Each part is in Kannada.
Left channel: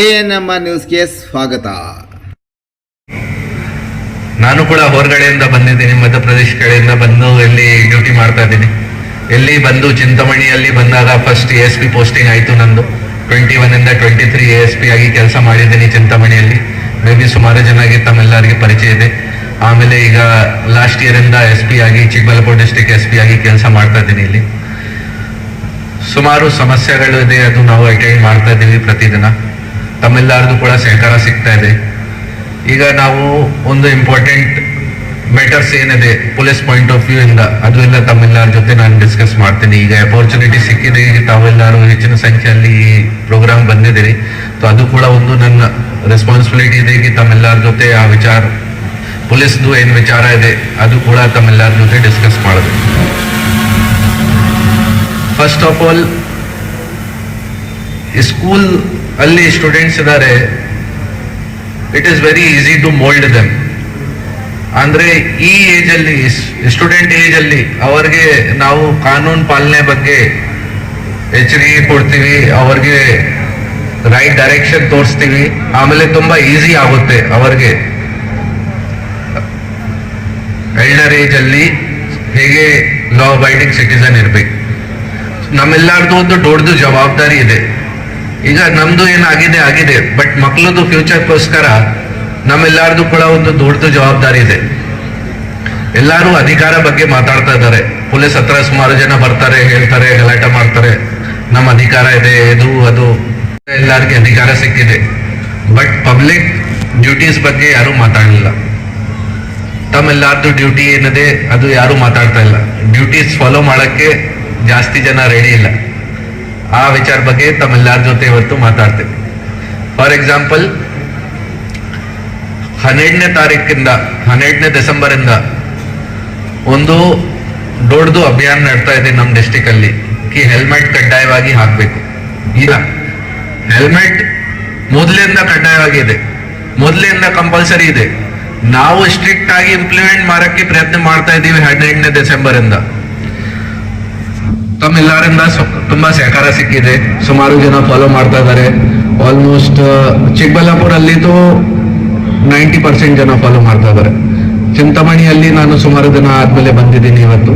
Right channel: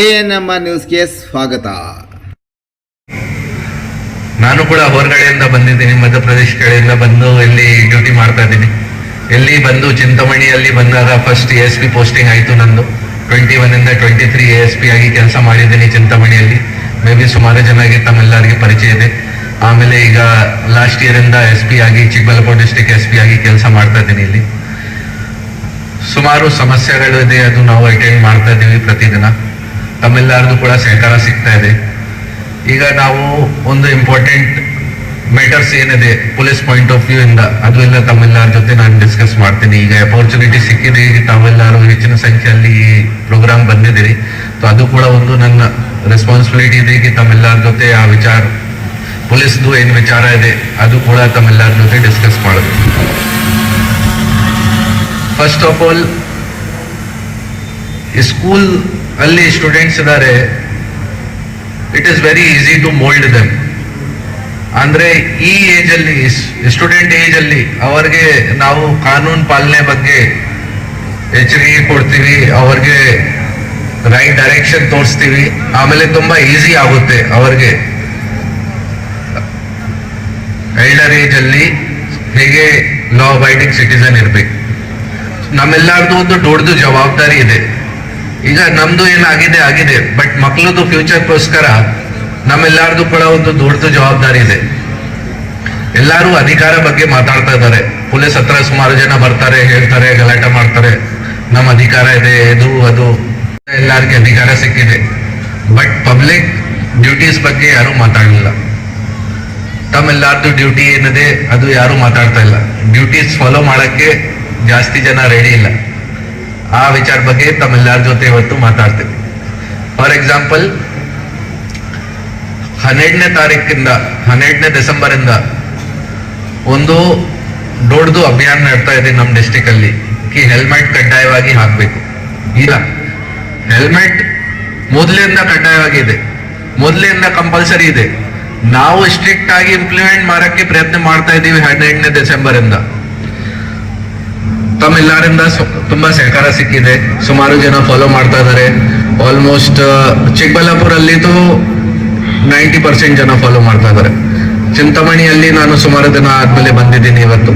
ANM ನ್ಯೂಸ್ಗೆ ಸ್ವಾಗತ. ನಾನು ಕೂಡ ಹೊರಗಡೆಯಿಂದ ಬಂದಿದ್ದೀನಿ, ಮಧ್ಯಪ್ರದೇಶ ಕಡೆಯಿಂದ ಬಂದು ಇಲ್ಲಿ ಡ್ಯೂಟಿ ಮಾಡ್ತಾ ಇದ್ದೀನಿ. ಎಲ್ಲಿ ಬಂದು ಚಿಂತಾಮಣಿಯಲ್ಲಿ ಬಂದಾಗ ಫಸ್ಟ್ ASP ಪೋಸ್ಟಿಂಗ್ ಆಯಿತು ನಂದು. 21 ಇಂದ 23 ASP ಆಗಿ ಕೆಲಸ ಮಾಡಿದ್ದೀನಿ ಚಿಂತಾಮಣಿಯಲ್ಲಿ. ಮೇ ಬಿ ಸುಮಾರು ಜನರಿಗೆ ತಮ್ಮೆಲ್ಲರಿಗೆ ಪರಿಚಯ ಇದೆ. ಆಮೇಲೆ ಈಗ ಲಾಸ್ಟ್ ಇಯರ್ ಇಂದ SP ಆಗಿ ಚಿಕ್ಕಬಳ್ಳಾಪುರ ಡಿಸ್ಟ್ರಿಕ್ಟ್ SP ಆಗಿ ಕೆಲಸ ಮಾಡ್ತಾ ಇದ್ದೀನಿ. ಇಲ್ಲಿ ಸುಮಾರು ಸಮಸ್ಯೆಗಳಿದೆ, ಅದು ನಾವು ಅಟೆಂಡ್ ಮಾಡ್ತಾ ಇದ್ದೀವಿ ಪ್ರತಿದಿನ. ತಮ್ಮೆಲ್ಲರಿಗೂ ಕೂಡ ಸಹಕಾರ ಸಿಗ್ತಾ ಇದೆ. ಈಗ ನಾವು ಒಂದು ಇಂಪಾರ್ಟೆಂಟ್ ಮ್ಯಾಟರ್ಸ್ ಏನಿದೆ ಪೊಲೀಸ್ ಪಾಯಿಂಟ್ ಆಫ್ ವ್ಯೂ ಇಂದ, ಅದು ಎಲ್ಲ ತಮ್ಮೆಲ್ಲರ ಜೊತೆ ನಾನು ಡಿಸ್ಕಸ್ ಮಾಡ್ತೀನಿ. ಈಗ ಅಪರ್ಚುನಿಟಿ ಸಿಕ್ಕಿದೆ, ಈಗ ತಾವೆಲ್ಲರೂ ಹೆಚ್ಚಿನ ಸಂಖ್ಯೆಯಲ್ಲಿ ಈ ಪ್ರೋಗ್ರಾಮ್ ಬಂದಿದ್ದೀರಿ. ಅದು ಕೂಡ ಒಂದು ನನ್ನ ರೆಸ್ಪಾನ್ಸಿಬಿಲಿಟಿ ಇದೆ कि ತಮ್ಮೆಲ್ಲರ ಜೊತೆ ಆ ವಿಚಾರ, ಪೊಲೀಸ್ದು ಏನು ವಿಚಾರ ಇದೆ ಅದು ಕೂಡ ತಮ್ಮೆಲ್ಲರ ಜೊತೆ ಡಿಸ್ಕಸ್ ಮಾಡಬೇಕು. ಫಸ್ಟ್ ಆಫ್ ಆಲ್, ಸ್ಕೂಲ್ ಅಲ್ಲಿ ಸ್ಟೂಡೆಂಟ್ಸ್ ಇದ್ದಾರೆ, it is very easy to mould them. ಅಂದ್ರೆ ಈ ಏಜ್ ಅಲ್ಲಿ, ಸ್ಟೂಡೆಂಟ್ ಏಜ್ ಅಲ್ಲಿ ಅವ್ರಿಗೆ ನಾವು ಕಾನೂನು ಪಾಲನೆ ಬಗ್ಗೆ ಎಚ್ಚರಿಕೆ ಕೊಡ್ತೀವಿ, ಅವ್ರಿಗೆ ರೈಟ್ ಡೈರೆಕ್ಷನ್ ತೋರಿಸ್ತೀವಿ. ಆಮೇಲೆ ತುಂಬಾ ಈಸಿ ಆಗುತ್ತೆ ಅವ್ರಿಗೆ ಎಲ್ಡರ್ ಏಜ್ ಅಲ್ಲಿ ಹೇಗೆ ಲಾ ಅಬೈಡಿಂಗ್ ಸಿಟಿಸನ್ ಇರ್ಬೇಕು. ನಮ್ಮೆಲ್ಲರದು ಒಂದು ದೊಡ್ಡದು ಜವಾಬ್ದಾರಿ ಇದೆ. ಈಗ ನಮ್ದು ಏನಾಗಿದೆ, ಬಟ್ ಮಕ್ಕಳದು ಫ್ಯೂಚರ್ಗೋಸ್ಕರ ನಮ್ಮೆಲ್ಲರದು ಕೂಡ ಒಂದು ದೊಡ್ಡ ಜವಾಬ್ದಾರಿ ಇದೆ. ಎಲ್ಲರೂ ಅಧಿಕಾರ ಬಗ್ಗೆ ಮಾತಾಡ್ತಾ ಇದ್ದಾರೆ. ಪೊಲೀಸ್ ಹತ್ರ ಸುಮಾರು ಜನ ಬರ್ತಾರೆ, ಹೇಳ್ತಾರೆ, ಗಲಾಟೆ ಮಾಡ್ತಾರೆ, ನಮ್ಮ ಅಧಿಕಾರ ಇದೆ, ಇದು ಅದು, ಎಲ್ಲರಿಗೆ ಅಧಿಕಾರ ಸಿಕ್ಕಿದೆ. ಬಟ್ ಪಬ್ಲಿಕ್ ಡ್ಯೂಟೀಸ್ ಬಗ್ಗೆ ಯಾರು ಮಾತಾಡಲಿಲ್ಲ. ತಮ್ಮೆಲ್ಲರದು ಡ್ಯೂಟಿ ಏನಿದೆ ಅದು ಯಾರು ಮಾತಾಡ್ತಾ ಇಲ್ಲ. ಡ್ಯೂಟೀಸ್ ಫಾಲೋ ಮಾಡಕ್ಕೆ ಜಾಸ್ತಿ ಜನ ರೆಡಿ ಇಲ್ಲ. ಆ ವಿಚಾರ ಬಗ್ಗೆ ತಮ್ಮೆಲ್ಲರ ಜೊತೆ ಇವತ್ತು ಮಾತಾಡ್ತೇವೆ. ಫಾರ್ ಎಕ್ಸಾಂಪಲ್, 12ನೇ ಡಿಸೆಂಬರ್ ಇಂದ ಒಂದು ದೊಡ್ಡದು ಅಭಿಯಾನ ನಡ್ತಾ ಇದೆ ನಮ್ಮ ಡಿಸ್ಟಿಕ್ ಅಲ್ಲಿ, ಹೆಲ್ಮೆಟ್ ಕಡ್ಡಾಯವಾಗಿ ಹಾಕ್ಬೇಕು. ಇಲ್ಲ, ಹೆಲ್ಮೆಟ್ ಮೊದಲಿಂದ ಕಡ್ಡಾಯವಾಗಿದೆ, ಮೊದಲಿಂದ ಕಂಪಲ್ಸರಿ ಇದೆ. ನಾವು ಸ್ಟ್ರಿಕ್ಟ್ ಆಗಿ ಇಂಪ್ಲಿಮೆಂಟ್ ಮಾಡಕ್ಕೆ ಪ್ರಯತ್ನ ಮಾಡ್ತಾ ಇದ್ದೀವಿ 12ನೇ ಡಿಸೆಂಬರ್ ಇಂದ. ತಮ್ಮೆಲ್ಲರಿಂದ ತುಂಬಾ ಸಹಕಾರ ಸಿಕ್ಕಿದೆ, ಸುಮಾರು ಜನ ಫಾಲೋ ಮಾಡ್ತಾ ಇದ್ದಾರೆ. ಆಲ್ಮೋಸ್ಟ್ ಚಿಕ್ಕಬಳ್ಳಾಪುರಲ್ಲಿದ್ದು 90% ಜನ ಫಾಲೋ ಮಾಡ್ತಾ ಇದ್ದಾರೆ. ಚಿಂತಾಮಣಿಯಲ್ಲಿ ನಾನು ಸುಮಾರು ದಿನ ಆದ್ಮೇಲೆ ಬಂದಿದ್ದೀನಿ ಇವತ್ತು.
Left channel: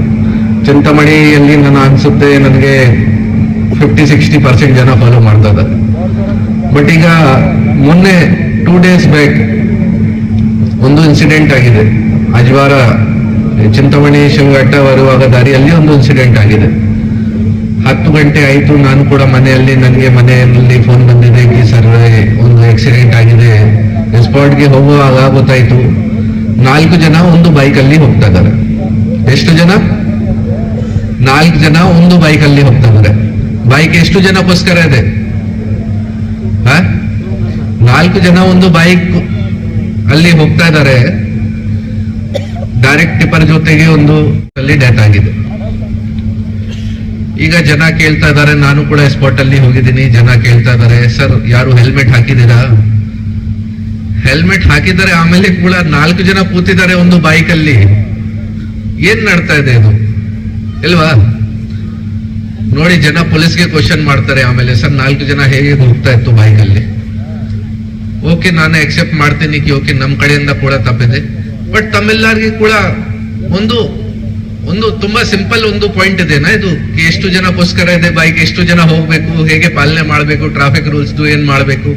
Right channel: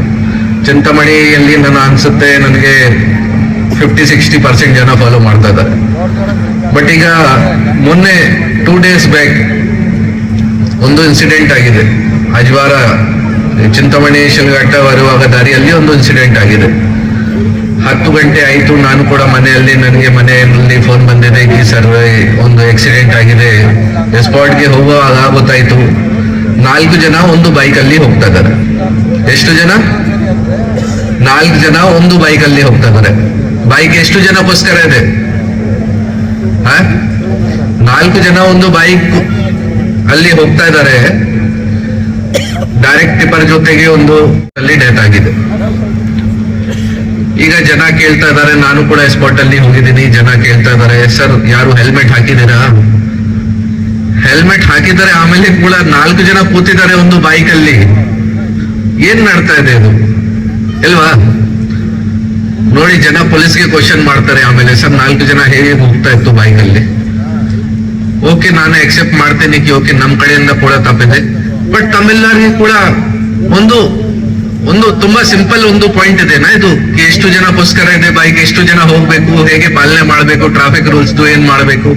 ಚಿಂತಾಮಣಿಯಲ್ಲಿ ನಾನು ಅನ್ಸುತ್ತೆ ನನಗೆ 50-60% ಜನ ಫಾಲೋ ಮಾಡ್ತಾ ಇದ್ದಾರೆ. ಬಟ್ ಈಗ ಮೊನ್ನೆ 2 days ಬ್ಯಾಕ್ ಒಂದು ಇನ್ಸಿಡೆಂಟ್ ಆಗಿದೆ. ಅಜ್ವಾರ ಚಿಂತಾಮಣಿ ಶಿವಘಟ್ಟ ಬರುವಾಗ ದಾರಿಯಲ್ಲಿ ಒಂದು ಇನ್ಸಿಡೆಂಟ್ ಆಗಿದೆ. 10 ಗಂಟೆ ಆಯಿತು, ನಾನು ಕೂಡ ಮನೆಯಲ್ಲಿ, ನನಗೆ ಮನೆಯಲ್ಲಿ ಫೋನ್ ಬಂದಿದೆ ಈ ಸರ್ವೆ ಒಂದು ಆಕ್ಸಿಡೆಂಟ್ ಆಗಿದೆ. ಸ್ಪಾಟ್ಗೆ ಹೋಗುವಾಗ ಗೊತ್ತಾಯ್ತು 4 ಜನ ಒಂದು ಬೈಕಲ್ಲಿ ಹೋಗ್ತಾ ಇದ್ದಾರೆ. ಎಷ್ಟು ಜನ? 4 ಜನ ಒಂದು ಬೈಕಲ್ಲಿ ಹೋಗ್ತಾ ಇದ್ದಾರೆ. ಬೈಕ್ ಎಷ್ಟು ಜನಕ್ಕೋಸ್ಕರ ಇದೆ? 4 ಜನ ಒಂದು ಬೈಕ್ ಅಲ್ಲಿ ಹೋಗ್ತಾ ಇದ್ದಾರೆ. ಡೈರೆಕ್ಟ್ ಟಿಪ್ಪರ್ ಜೊತೆಗೆ ಒಂದು ಅಲ್ಲಿ ಡೆತ್ ಆಗಿದೆ. ಈಗ ಜನ ಕೇಳ್ತಾ ಇದ್ದಾರೆ, ನಾನು ಕೂಡ ಸ್ಪಾಟ್ ಅಲ್ಲಿ ಹೋಗಿದ್ದೀನಿ, ಜನ ಕೇಳ್ತಾ ಇದ್ದಾರೆ, ಸರ್ ಯಾರು ಹೆಲ್ಮೆಟ್ ಹಾಕಿದ್ದೀರಾ? ಹೆಲ್ಮೆಟ್ ಹಾಕಿದ್ದಾರೆ, ಆಮೇಲೆ ಕೂಡ 4 ಜನ ಕೂತಿದ್ದಾರೆ ಒಂದು ಬೈಕ್ ಅಲ್ಲಿ. ಏನ್ ನಡ್ತಾ ಇದೆ ಅದು ಇಲ್ವಾ? ನೋಡಿ, ಜನ ಪೊಲೀಸ್ಗೆ ಕ್ವಶನ್ ಮಾಡ್ತಾರೆ. ಆಮೇಲೆ ಸರ್ 4 ಜನ ಹೇಗೆ ಹೋಗ್ತಾ ಇತ್ತು ಬೈಕ್ ಅಲ್ಲಿ? ಓಕೆ, ನಾನು ಎಕ್ಸೆಪ್ಟ್ ಮಾಡ್ತೇನೆ ಕಿ ಓಕೆ, ನಮ್ ಕಡೆಯಿಂದ ಕೂಡ ತಪ್ಪಿದೆ. ಬಟ್ ತಮ್ಮೆಲ್ಲರಿಗೂ ಕೂಡ ಒಂದು ತುಂಬಾ ಸಿಂಪಲ್ ಒಂದು ಪಾಯಿಂಟ್ ಇದೆನಾ ಇದು, ಎಷ್ಟು ಜನಕ್ಕೋಸ್ಕರ ಇದೆ ಬೈಕ್, ಎಷ್ಟು ಜನ ಹೋಗ್ಬೇಕು, ಹೇಗೆ ಪಾಲನೆ ಮಾಡ್ಬೇಕು, ಟ್ರಾಫಿಕ್ ರೂಲ್ಸ್ ಏನ್ ಮಾಡ್ಬೇಕು,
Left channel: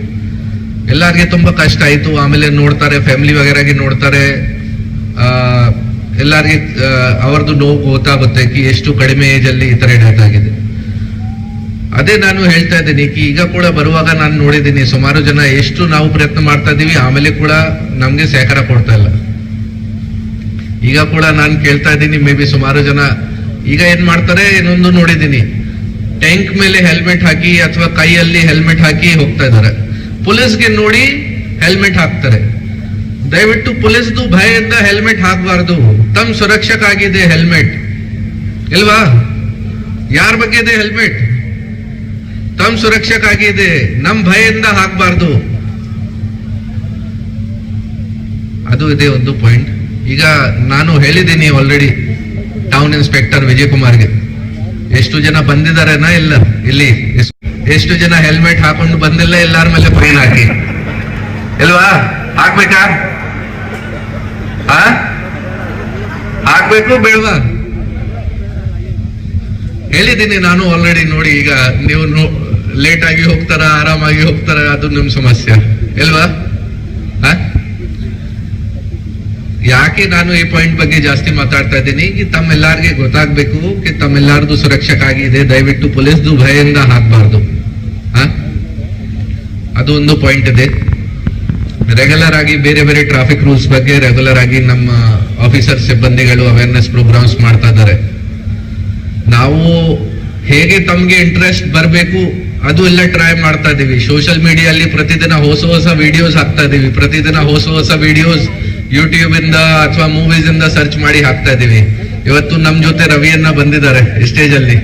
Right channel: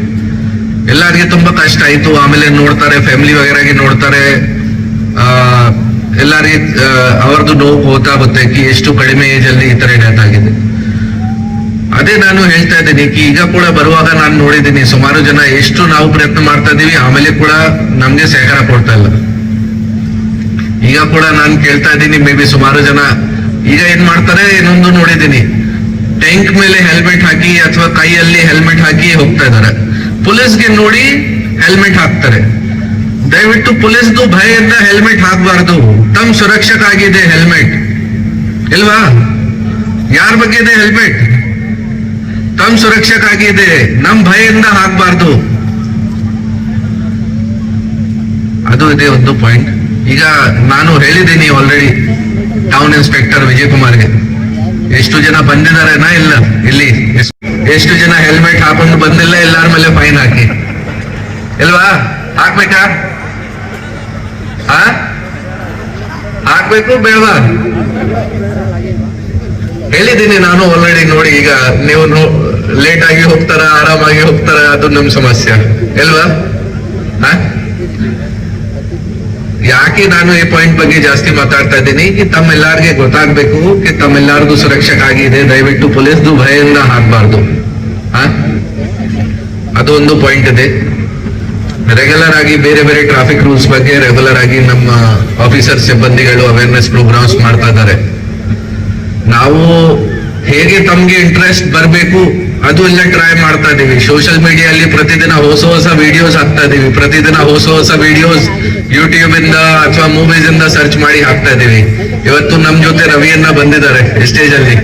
ಎಲ್ಲರಿಗೆ ತುಂಬಾ ಕಷ್ಟ ಆಯ್ತು. ಆಮೇಲೆ ನೋಡ್ತಾರೆ, ಫ್ಯಾಮಿಲಿ ವಗೇರಾಗಿ ನೋಡ್ತಾರೆ, ಎಲ್ಲರಿಗೆ ಅವ್ರದ್ದು ನೋವು ಗೊತ್ತಾಗುತ್ತೆ ಕಿ ಎಷ್ಟು ಕಡಿಮೆ ಏಜ್ ಅಲ್ಲಿ ಈ ತರ ಡೆತ್ ಆಗಿದೆ. ಅದೇ ನಾನು ಹೇಳ್ತಾ ಇದ್ದೀನಿ ಕಿ ಈಗ ಕೂಡ ಬರುವಾಗ ನಾನು ನೋಡಿದ್ದೀನಿ ಸುಮಾರು ಜನ ಎಷ್ಟು ನಾವು ಪ್ರಯತ್ನ ಮಾಡ್ತಾ ಇದೀವಿ, ಆಮೇಲೆ ಕೂಡ ನಮ್ಗೆ ಸಹಕಾರ ಕೊಡ್ತಾ ಇಲ್ಲ. ಈಗ ಕೂಡ ನಾನು ಕೇಳ್ತಾ ಇದ್ದೀನಿ, ಮೇ ಬಿ ಸುಮಾರು ಜನ ಈಗ ಏನ್ ಮಾಡ್ತಾರೆ, ಇನ್ನೊಂದು ನೋಡಿದ್ದೀನಿ, ಟ್ಯಾಂಕ್ ಮೇಲೆ ಹೆಲ್ಮೆಟ್ ಹಾಕಿ ಅಥವಾ ಕೈಯಲ್ಲಿ ಹೆಲ್ಮೆಟ್ ಹಾಕಿ ಹೋಗ್ತಾ ಇದ್ದಾರೆ. ಪೊಲೀಸ್ಗೆ ನೋಡಿ ಹೆಲ್ಮೆಟ್ ಹಾಕ್ತಾರೆ. ದಯವಿಟ್ಟು ಪೊಲೀಸ್ದು ಭಯದಿಂದ ಹೆಲ್ಮೆಟ್ ಹಾಕಬಾರ್ದು. ತಮ್ಮ ಸುರಕ್ಷಕ್ಕಾಗಿದೆ ಹೆಲ್ಮೆಟ್ ಇಲ್ವಾ? ಯಾರ ಬಗ್ಗೆ ಇದೆ ಹೆಲ್ಮೆಟ್? ತಮ್ಮ ಸುರಕ್ಷಕ್ಕಾಗಿದೆ, ನಮ್ ಭಯದಿಂದ ಹಾಕಬಾರ್ದು. ಅದು ಇದೆ ಒಂದು ಪಾಯಿಂಟ್. ಈಗ ನಾನು ಹೇಳಿದ್ದೀನಿ ಆಲ್ರೆಡಿ ಟೌನ್ ಇನ್ಸ್ಪೆಕ್ಟರ್ ವಿಜಯ್ ಕುಮಾರ್ಗೆ, ಎಷ್ಟು ಜನ ಬಂದಿದ್ದಾರೆನಾ ಇಲ್ಲ ಇಲ್ಲಿ ಎಷ್ಟು ಜನ ಹೆಲ್ಮೆಟ್ ಹಾಕೊಂಡು ಬಂದಿಲ್ಲ ಎಲ್ಲಾರ ಮೇಲೆ ಫೈನ್ ಹಾಕಿ ಇಲ್ವಾ? ಹಾಕ್ಬೇಕಾ? ಹಾಕ್ಬೇಕು ಬೇಡವಾ? ಹೇಳಿದ್ದೀನಿ ನಾನು ಆಲ್ರೆಡಿ. ನೋಡಿ, ಈಗ ನೀವು ಲೇಟ್ ಆಗಿ ಹೋಗ್ತಾರ, ಆರಾಮಾಗಿ ಹೋಗ್ತಾರ, ಅದು ನಮ್ ಸಮಸ್ಯೆ ಇಲ್ವಾ? ಯಾಕೆ ನಾನು ಈ ಪಾಯಿಂಟ್ ಬಗ್ಗೆ ಜಾಸ್ತಿ ಮಾತಾಡ್ತಾ ಇದ್ದೀನಿ? ತಮ್ಮೆಲ್ಲರಿಗೆ ಗೊತ್ತಾಗ್ಬೇಕು ತಮ್ಮೆಲ್ಲರದು ಸುರಕ್ಷಕ್ಕಾಗಿದೆ. ದಯವಿಟ್ಟು ಪೊಲೀಸ್ದು ಭಯದಿಂದ ಹಾಕ್ಬಾರ್ದು. ಅದು ಒಂದು ಪಾಯಿಂಟ್ ಇದೆ. ರೆಗ್ಯುಲರ್ ಆಗಿ ಬೇರೆ ಬೇರೆ ಟ್ರಾಫಿಕ್ ರೂಲ್ಸ್ ಬಗ್ಗೆ ರೆಗ್ಯುಲರ್ ಆಗಿ ನಮ್ಮ ಆಫೀಸರ್ ಸಿಬ್ಬಂದಿಗಳು ಅವೇರ್ನೆಸ್ ಪ್ರೋಗ್ರಾಮ್ಸ್ ಮಾಡ್ತಾ ಇದ್ದಾರೆ. ನಾವು ಹೇಗೆ ತಮ್ಗೆ ಇಂಟ್ರೆಸ್ಟ್ ಬರಬೇಕು ಅದು ಎಲ್ಲ ಟ್ರೈ ಮಾಡ್ತಾ ಇದೀವಿ. ಸೋಷಿಯಲ್ ಮೀಡಿಯಲ್ಲಿ ಪ್ರತಿದಿನ ಹೊಸ ವಿಡಿಯೋಸ್ ಹಾಕ್ತಾ ಇದೀವಿ. ಪ್ರತಿದಿನ ಹೊಸ ವಿಡಿಯೋಸ್ ಯೂಟ್ಯೂಬ್ ಇಂದ ಅಥವಾ ಮೂವೀಸ್ ಇಂದ ಸರ್ಚ್ ಮಾಡಿ ಹಾಕ್ತಾ ಇದೀವಿ. ಇವತ್ತು ನಮ್ ಜೊತೆ ರವಿಯನ್ನ ಬಂದಿದ್ದಾರೆ ಸ್ಟೇಜ್ ಅಲ್ಲಿ.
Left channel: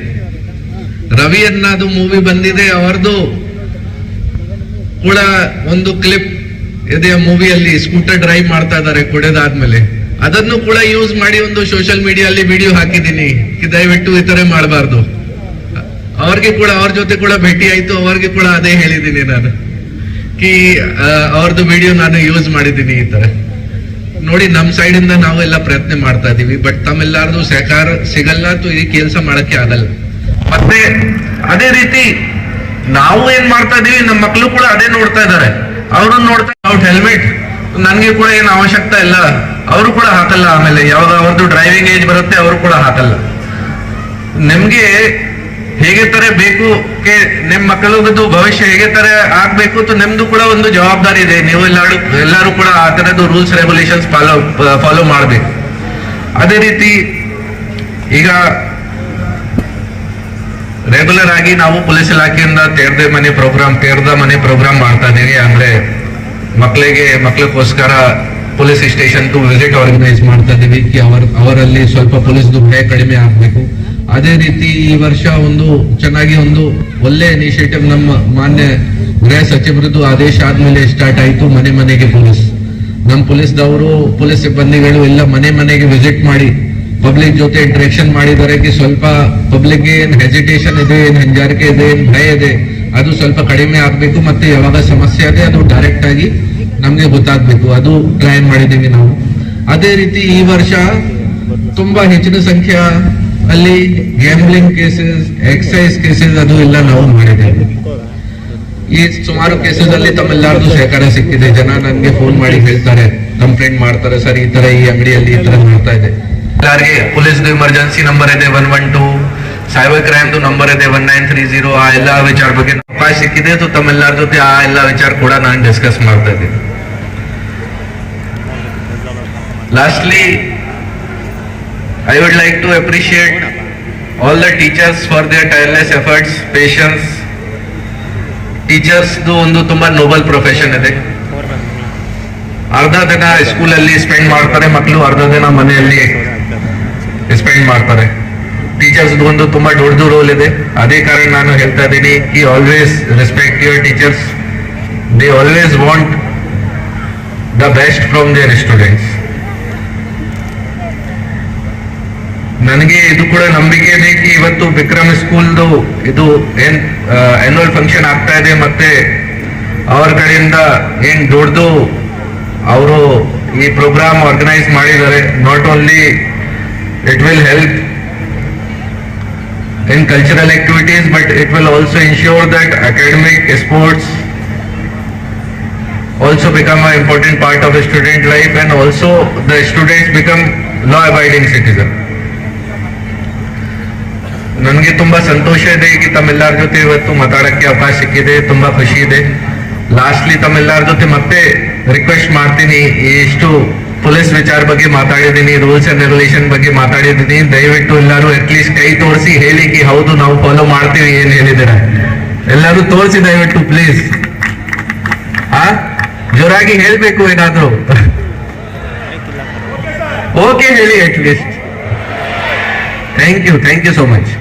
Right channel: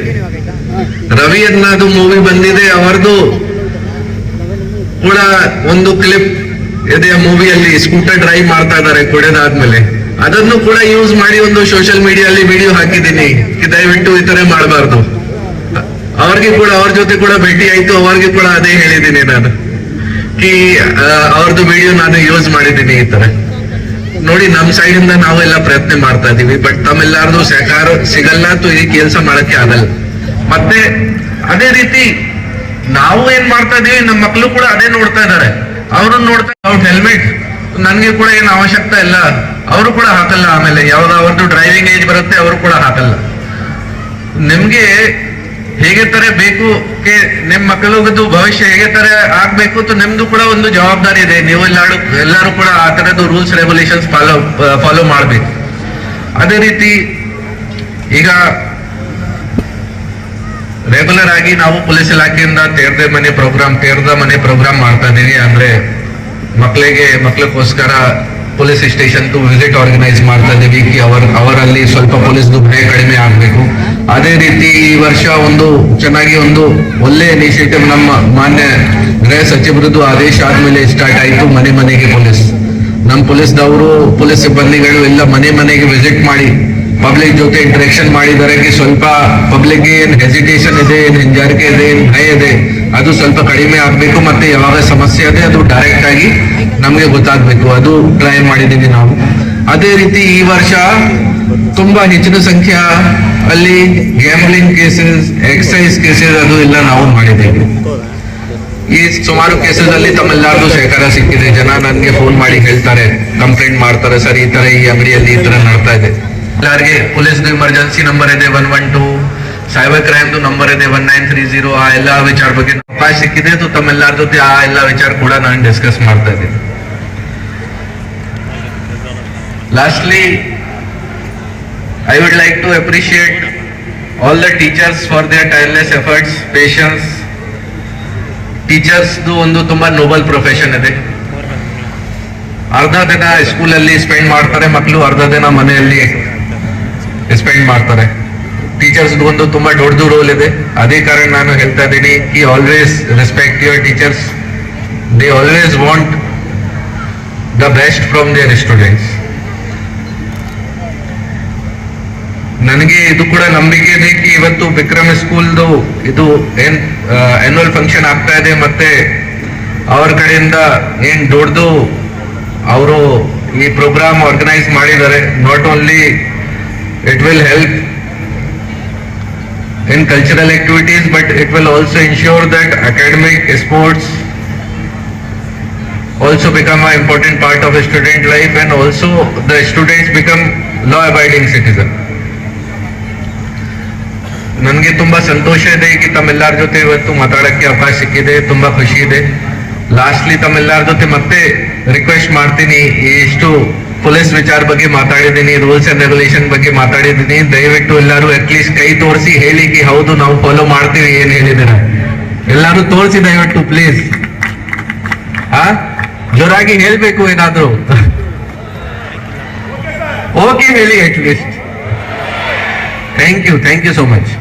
ರವಿಯನ್ನದು ಮೂವಿ ಬಂದಿದೆ, ಅವರದು ಕೂಡ ಒಂದು ಕ್ಲಿಪ್ ಇದೆ ಮೂವಿಯಲ್ಲಿ. ಸ್ಕೂಟರ್ ಡ್ರೈವ್ ಮಾಡ್ತಾ ಇದ್ದಾರೆ ಕುಡಿದಾದ್ಮೇಲೆ. ಅದನ್ನು ಕೂಡ ಯೂಸ್ ಮಾಡಿ ಒಂದು ಸೋಷಿಯಲ್ ಮೀಡಿಯಲ್ಲಿ ವಿಡಿಯೋ ಹಾಕಿದ್ದೀನಿ. ದಯವಿಟ್ಟು ಈ ತರ ಮಾಡಬಾರ್ದು. ಅವ್ರಿಗೆ ಕೂಡ ಅವ್ರ ಜೊತೆ ಕೂಡ ಭೇಟಿ ಆಯ್ತು. ಅವ್ರಿಗೆ ಕೂಡ ಅದೇ ಹೇಳಿದ್ದೀನಿ ನಾನು, ಅವ್ರದ್ದು ವಿಡಿಯೋ ನಾನು ಯೂಸ್ ಮಾಡಿದ್ದೀನಿ ಈ ತರ. ನೋಡಿ, ನಮ್ ಸೈಡ್ ಇಂದ ನಾವೆಲ್ಲ ಪ್ರಯತ್ನ ಮಾಡ್ತಾ ಇದೀವಿ. ಬಟ್ ತಮ್ಮೆಲ್ಲರದು ಸಹಕಾರ ಸಿಗಲ್ಲ, ಈ ಕೆಲಸ ಮಾಡಕ್ಕೆ ಆಗಲ್ಲ. ಮತ್ತೆ ಅದೇ ರೀತಿ ನಾವು ಏನ್ ಮಾಡ್ತಾ ಇದೀವಿ, ನಮ್ಮ ಮಕ್ಕಳು ಕೂಡ ಅದೇ ನೋಡ್ತಾ ಇದಾರೆ. ಅವ್ರನ್ನ ನೋಡ್ತಾ ಹೆಲ್ಮೆಟ್ ನನ್ಗೆ ಕೂಡ ಏನು ಅವಶ್ಯಕತೆ ಇಲ್ಲ, ಅವರು ಕೂಡ ಹಾಕಲ್ಲ. ಆಮೇಲೆ ಯಾವಾಗ ಅವ್ರದ್ದು ಡ್ರೈವಿಂಗ್ ಏಜ್ ಬರುತ್ತೆ ಅವರು ಕೂಡ ಹಾಕಲ್ಲ. ನಿಮ್ಗೆ ಹೇಗೆ ತರ ಬೇಕು, ನಿಮ್ ಮಕ್ಕಳದ್ದು ಭವಿಷ್ಯ ಹೇಗೆ ತರ ಆಗ್ಬೇಕು, ನಿಮ್ದು ಕೂಡ ಒಂದು ಜವಾಬ್ದಾರಿ ಇದೆ. ನೀವು ಎಲ್ಲರೂ ಕೂಡ ಆ ತರದ್ದು ರೂಲ್ಸ್ ರೆಗ್ಯುಲೇಷನ್ಸ್ ಫಾಲೋ ಮಾಡ್ಬೇಕು. ಅದೇ ರೀತಿ ಈಗ ರೆಗ್ಯುಲರ್ ಆಗಿ ನಾವು ಪೊಲೀಸ್ ಇಲಾಖೆಯಿಂದ ತೇರ್ದ ಮನೆ ಪ್ರೋಗ್ರಾಮ್ ಮಾಡ್ತಾ ಇದೀವಿ. ಅಂದ್ರೆ ಮಕ್ಕಳಿಗೋಸ್ಕರ ಪೊಲೀಸ್ ಸ್ಟೇಷನ್ ವಿಸಿಟ್ ಆರ್ಗನೈಸ್ ಮಾಡ್ತಾ ಇದೀವಿ. ಅವರಲ್ಲಿ ಸ್ವಲ್ಪ ಪೊಲೀಸ್ದು ಭಯ ಕಡಿಮೆ ಆಗ್ಬೇಕು. ಅದೇ ರೀತಿ ಈ ವರ್ಷ ಒಂದು ಚೆನ್ನಾಗಿ ಒಂದು ಒಳ್ಳೆ ಇನಿಷಿಯೇಟಿವ್ ನಮ್ಮ ಮಾನ್ಯ ಗೃಹ ಸಚಿವರದ್ದು ಆದೇಶ ಆದ್ಮೇಲೆ ಸ್ಟಾರ್ಟ್ ಆಯ್ತು. ಮನೆಗೆ ಪೊಲೀಸ್, ನಮ್ಮ ಪೊಲೀಸ್ ಸಿಬ್ಬಂದಿಗಳು ಎಲ್ಲ ಮನೆಗೆ ವಿಸಿಟ್ ಮಾಡಿ ಪಬ್ಲಿಕ್ ಜೊತೆ ಇಂಟರಾಕ್ಷನ್ ಮಾಡಿದರೆ ಸ್ವಲ್ಪ ಪಬ್ಲಿಕ್ ಏನ್ ಹೆಸಿಟೇಷನ್ ಇದೆ, ಏನ್ ಹಿಂಜಾರಿಕೆ ಇದೆ, ಏನ್ ಭಯ ಇದೆ, ಅದು ಸ್ವಲ್ಪ ಕಡಿಮೆ ಆಗ್ಬೇಕು. ಮತ್ತೆ ಯಾವಾಗ ಸಮಸ್ಯೆ ಇದೆ ಅದು ಡೈರೆಕ್ಟ್ ಆಗಿ ನಮ್ಗೆ ಗೊತ್ತಾಗ್ಬೇಕು. ಅದು ಟ್ರೈ ಮಾಡಿದೀವಿ ನಾವು. ಅದೇ ರೀತಿ ಈ ವರ್ಷ ತುಂಬಾ ಹೆಚ್ಚಿನ ಸಂಖ್ಯೆ ಅಲ್ಲಿ ಗ್ಯಾಮ್ಲಿಂಗ್ ಕೇಸಸ್, ಎಕ್ಸೈಸ್ ಕೇಸಸ್ ಅದು ಎಲ್ಲ ನಾವು ಮಾಡಿದ್ದೇವೆ. ಈ ಸುಮಾರು ಕೇಸಸ್ ಅಲ್ಲಿ ತಮ್ಮೆಲ್ಲರಿಗೂ ಸಹಕಾರ ಸಿಕ್ಕಿದೆ. ಜನ ನನ್ಗೆ ಫೋನ್ ಮಾಡಿ ಹೇಳ್ತಾರೆ, ಕಂಪ್ಲೇಂಟ್ ಮಾಡ್ತಾರೆ, ಸರ್ ಈ ತರ ಈ ಅಂಗಡಿಯಲ್ಲಿ ಈ ತರ ನಡ್ತಾ ಇದೆ. ಯಾರಿಗೆ ಪೊಲೀಸ್ ಎಮರ್ಜೆನ್ಸಿ ನಂಬರ್ ಇದೆ 112, ಸೈಬರ್ ಕ್ರೈಮ್ ನಂಬರ್ ಇದೆ 1930. ಆ ಎಲ್ಲ ವಿಚಾರ ಬಗ್ಗೆ ಅವಕಾಶ ಸಿಕ್ಕಿದೆ. ತಮ್ಮೆಲ್ಲರ ಜೊತೆ ಆ ಎಲ್ಲ ವಿಚಾರ ಕೂಡ ನಾನು ಡಿಸ್ಕಸ್ ಮಾಡ್ತಾ ಇದ್ದೀನಿ. Lastly, I would like to appreciate all the teachers for their tireless efforts, patience. Teachers ಒಂದು ತುಂಬಾ ನೋಬಲ್ ಪ್ರೊಫೆಷನ್ ಇದೆ. ಅರ್ಧ ದಿನ ಸ್ಕೂಲಲ್ಲಿ ಸ್ಪೆಂಡ್ ಮಾಡ್ತಾರೆ ಮಕ್ಕಳು, ಅರ್ಧ ದಿನ ಮನೆಯಲ್ಲಿ ಸ್ಪೆಂಡ್ ಮಾಡ್ತಾರೆ. ಟೀಚರ್ಸ್ ಒಂದು ತುಂಬಾ ದೊಡ್ಡದು ರೋಲ್ ಇದೆ. ಅದೇ ಕಾರಣ ನಾನು ಹೇಳ್ತಾ ಇದ್ದೀನಿ ಕಿ always respect your teachers. They always want the best from their students. ನನಗೆ ಇದು ಕೂಡ ನಂಬಿಕೆ ಇದೆ ಕಿ ಇವತ್ತು ವಿಕ್ರಮ್ ಸ್ಕೂಲ್ದು ಇದು ಏನ್ ಆನ್ಯುವಲ್ ಫಂಕ್ಷನ್ ಆಗ್ತಾ ಇದೆ, ಮತ್ತೆ ಅವ್ರ ಕಡೆಯಿಂದ ಏನ್ ದೊಡ್ಡದು ಅವರು ಈ ಪ್ರೋಗ್ರಾಮ್ ಆರ್ಗನೈಸ್ ಮಾಡಿದ್ದಾರೆ. Not only it will help in cultural activities, but it will also ensure that academic sports also become an important part of the student life, and also the students become law-abiding citizens. ನನಗೆ ತುಂಬಾ ಸಂತೋಷ ಇದೆ ಕಿ ತಮ್ಮೆಲ್ಲರ ಜೊತೆ ಇವತ್ತು ಮಾತಾಡಕ್ಕೆ ಅವಕಾಶ ಸಿಕ್ಕಿದೆ. ತುಂಬಾ ಖುಷಿ ಇದೆ. ಲಾಸ್ಟ್ಲಿ ತಮ್ಮೆಲ್ಲರ ಜೊತೆ ಮತ್ತೆ ರಿಕ್ವೆಸ್ಟ್ ಮಾಡ್ತೀನಿ, ಎಷ್ಟು ಪೊಲೀಸ್ ವಿಚಾರ ಬಗ್ಗೆ ಮಾತಾಡಿದ್ದೀನಿ, ರೂಲ್ಸ್ ಅಂಡ್ ರೆಗ್ಯುಲೇಷನ್ ಬಗ್ಗೆ ಮಾತಾಡಿದ್ದೀನಿ. ದಯವಿಟ್ಟು ಎಲ್ಲರೂ ಅಟ್ಲೀಸ್ಟ್ ಕೈ ತೋರಿಸಿ ಹೇಳಿ ಕಿ ಹೌದು ನಾವು ಫಾಲೋ ಮಾಡ್ತೀವಿ ಏನ್ ಹೇಳಿದ್ದಾರೆ. ಎಲ್ಲರೂ ತೋರಿಸಿ ದಯವಿಟ್ಟು ಪ್ಲೀಸ್. ಜೋರಾಗಿ ಹೇಳ್ಬೇಕು ಏನಾದ್ರು. ಓಕೆ ಹೇಳಿ at least. Thank you so much.